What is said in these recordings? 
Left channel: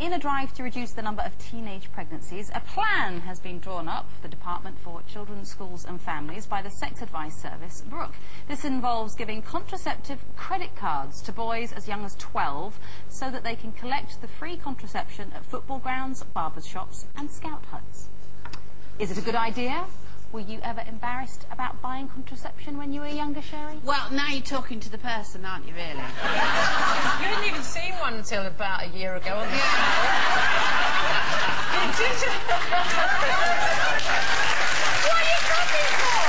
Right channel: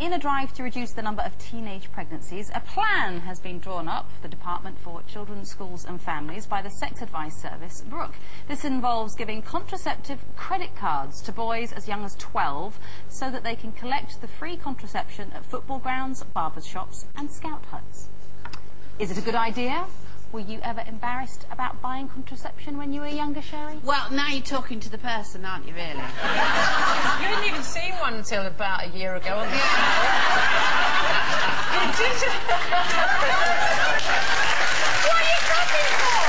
In a drive to reduce the number of teenage pregnancies, a plan has been drawn up for the Department for Children, Schools and Families by the Sex Advice Service, Brooke. This involves giving contraceptive credit cards to boys as young as 12 so that they can collect the free contraception at football grounds, barbers' shops and scout huts. Is it a good idea? Were you ever embarrassed about buying contraception when you were younger, Sherrie? Well, now you're talking to the person, aren't you, really? You hadn't even seen one until about a year ago. What are you talking for?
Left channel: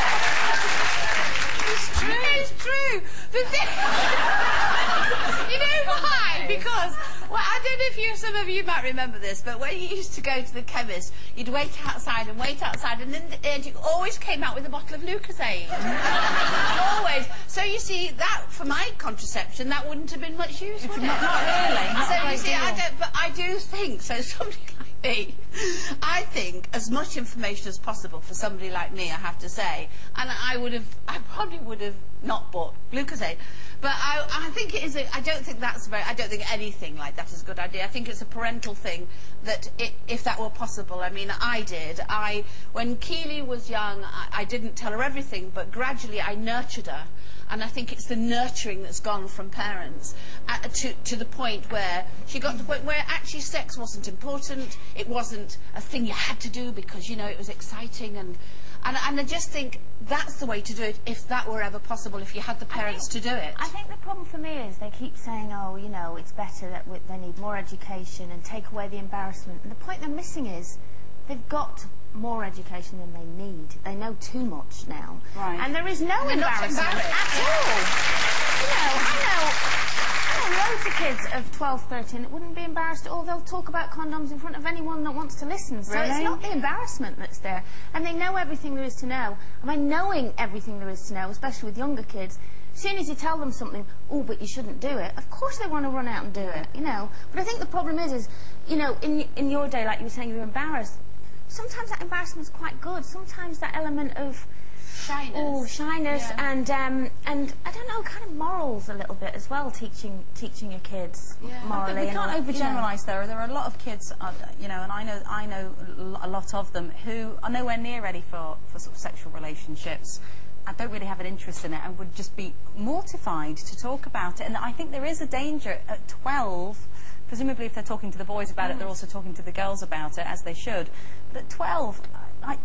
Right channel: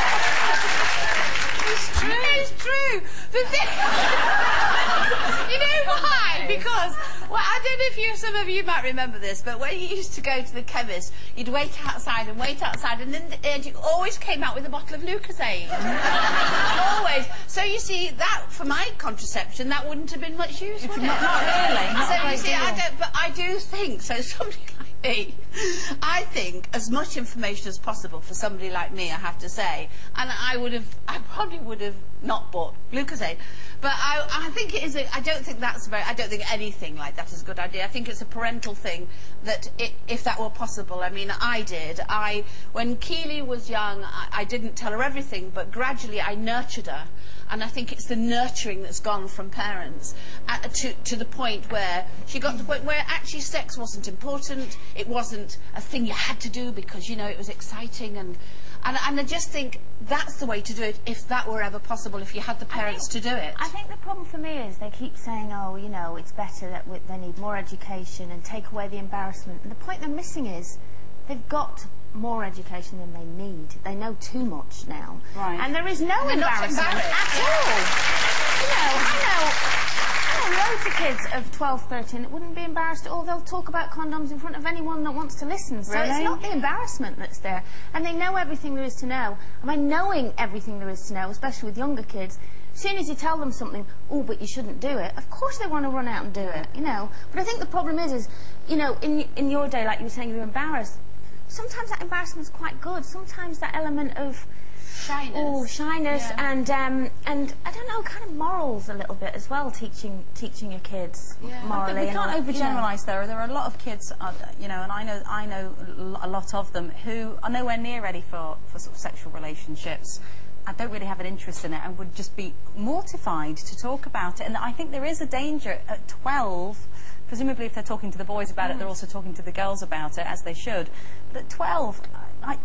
It's true. It's true. The thing... You know why? Because... Well, I don't know if some of you might remember this, but when you used to go to the chemist, you'd wait outside, and in the end you always came out with a bottle of Lucozade. Always. So you see, that, for my contraception, that wouldn't have been much use, would it? Not really. Not so you see, I do think, so somebody like me, I think as much information as possible for somebody like me, I have to say, and I probably would have not bought Lucozade. But I think it is. I don't think anything like that is a good idea. I think it's a parental thing that if that were possible. I mean, when Keely was young, I didn't tell her everything, but gradually I nurtured her. And I think it's the nurturing that's gone from parents to the point where she got to the point where actually sex wasn't important. It wasn't a thing you had to do because, you know, it was exciting. And I just think that's the way to do it if that were ever possible, if you had the parents to do it. I think the problem for me is they keep saying, oh, you know, it's better that they need more education and take away the embarrassment. And the point they're missing is they've got more education than they need. They know too much now. Right. And there is no embarrassment at all. You know, I know loads of kids of 12, 13 that wouldn't be embarrassed at all. They'll talk about condoms in front of anyone that wants to listen. So it's not the embarrassment that's there. And they know everything there is to know. And by knowing everything there is to know, especially with younger kids, as soon as you tell them something, oh, but you shouldn't do it, of course they want to run out and do it, you know. But I think the problem is you know, in your day, like you were saying, you were embarrassed. Sometimes that embarrassment is quite good. Sometimes that element of shyness yeah. and I don't know, kind of morals a little bit as well. Teaching your kids morally. We can't overgeneralise though. There are a lot of kids, you know, and I know a lot of them who are nowhere near ready for sort of sexual relationships. I don't really have an interest in it and would just be mortified to talk about it. And I think there is a danger at 12. Presumably if they're talking to the boys about it, they're also talking to the girls about it, as they should. But at 12,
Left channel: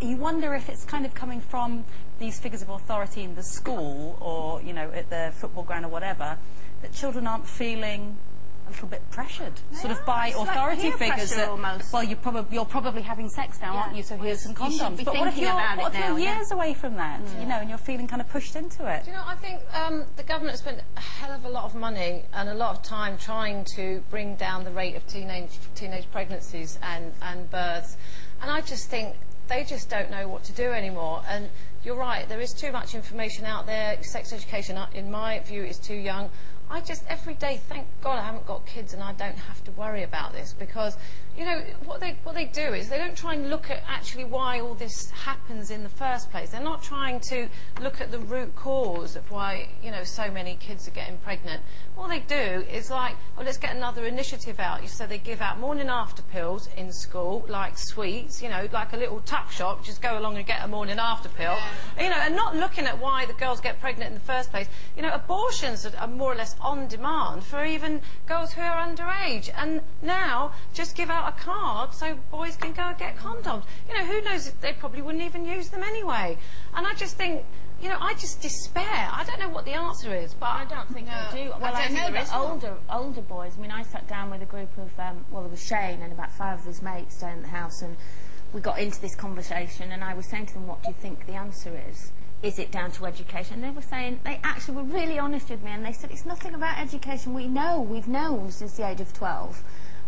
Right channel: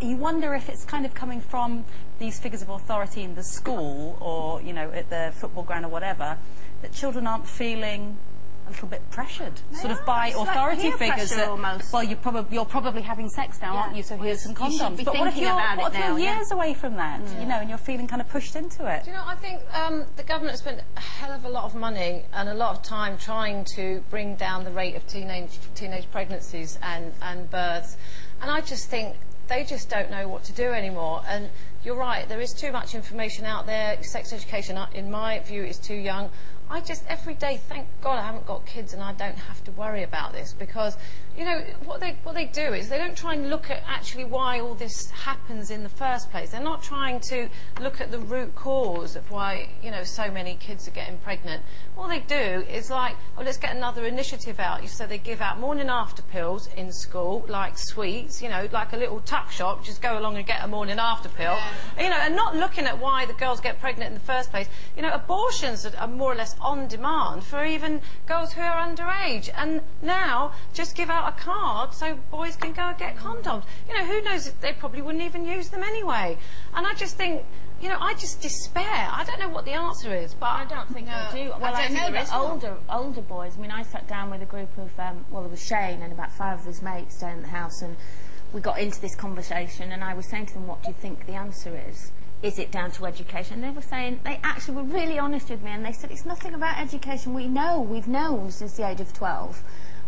you wonder if it's kind of coming from these figures of authority in the school or, you know, at the football ground or whatever, that children aren't feeling a little bit pressured, sort of by authority figures that, almost. Well, you're probably having sex now, aren't you, so here's some condoms. But what if you're years away from that, you know, and you're feeling kind of pushed into it? Do you know, I think the government spent a hell of a lot of money and a lot of time trying to bring down the rate of teenage pregnancies and births, and I just think they just don't know what to do anymore. And you're right, there is too much information out there. Sex education, in my view, is too young. I just, every day, thank God I haven't got kids and I don't have to worry about this, because, you know, what they do is they don't try and look at actually why all this happens in the first place. They're not trying to look at the root cause of why, you know, so many kids are getting pregnant. All they do is like, well, let's get another initiative out. So they give out morning after pills in school, like sweets, you know, like a little tuck shop, just go along and get a morning after pill, you know, and not looking at why the girls get pregnant in the first place. You know, abortions are more or less on demand for even girls who are underage, and now just give out a card so boys can go and get condoms. You know, who knows, they probably wouldn't even use them anyway. And I just think, you know, I just despair. I don't know what the answer is, but I don't think they do. Well, I know that older boys, I mean, I sat down with a group of, well, there was Shane and about 5 of his mates down at the house, and we got into this conversation, and I was saying to them, what do you think the answer is? Is it down to education? And they were saying, they actually were really honest with me, and they said, it's nothing about education. We've known since the age of 12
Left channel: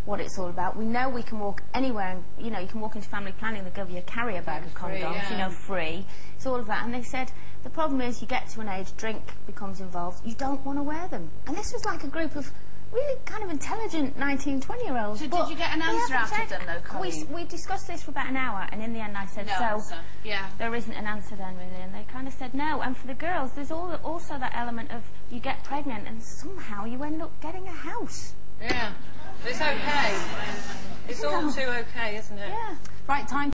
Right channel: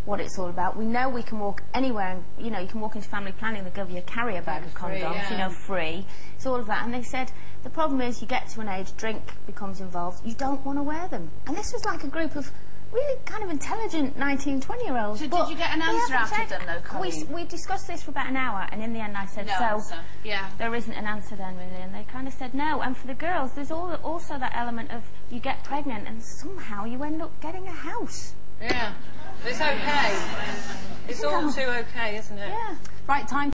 what it's all about. We know we can walk anywhere, and, you know, you can walk into family planning, they'll give you a carrier bag of condoms, you know, free. It's all of that. And they said, the problem is you get to an age, drink becomes involved, you don't want to wear them. And this was like a group of really kind of intelligent 19, 20-year-olds. So did you get an answer out of them, though, Coleen? We discussed this for about an hour, and in the end I said, there isn't an answer then, really, and they kind of said no. And for the girls, there's also that element of you get pregnant and somehow you end up getting a house. Yeah, it's okay. It's all too okay, isn't it? Yeah. Right, time